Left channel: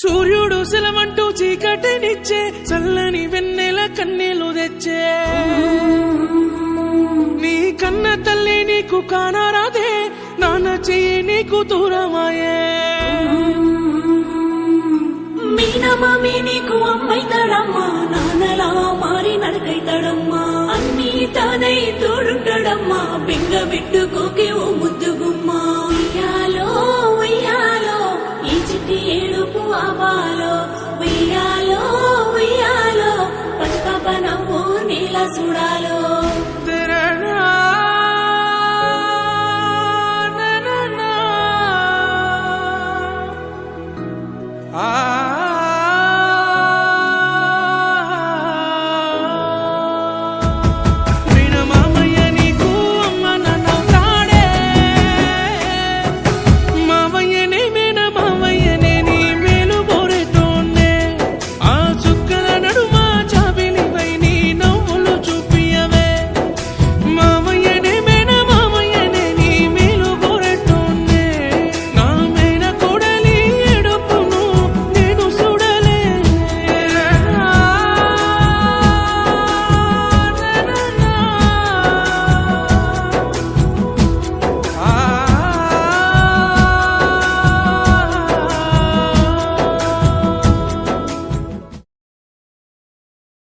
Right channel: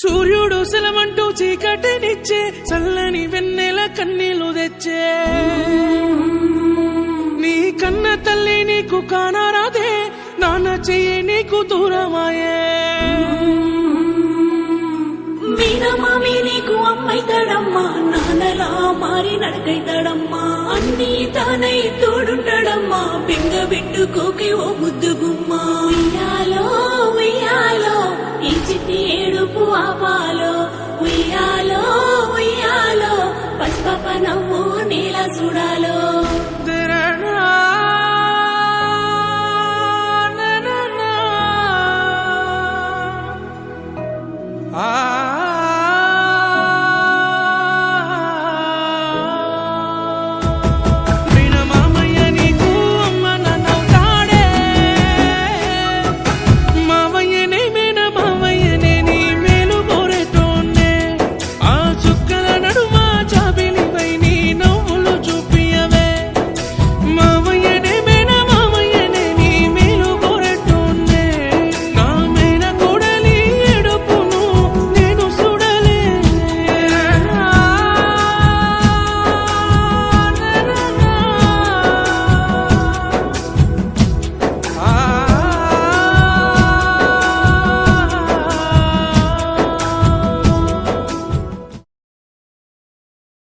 సూర్యుడు సెలవంటూ చీకటినిచ్చే చల్లని వెన్నెల కన్నీళ్లు తెచ్చే నీ కన్న తల్లి నీకు కానారాదే నాన్న చెయ్యి నీకు దూరమాయే మీనమామి నీకు అమ్మైతాడమ్మా నాన్నలా మారి నడకైతాడమ్మా అన్నీ తానే తోడుంటాడమ్మా బెంగ పెట్టు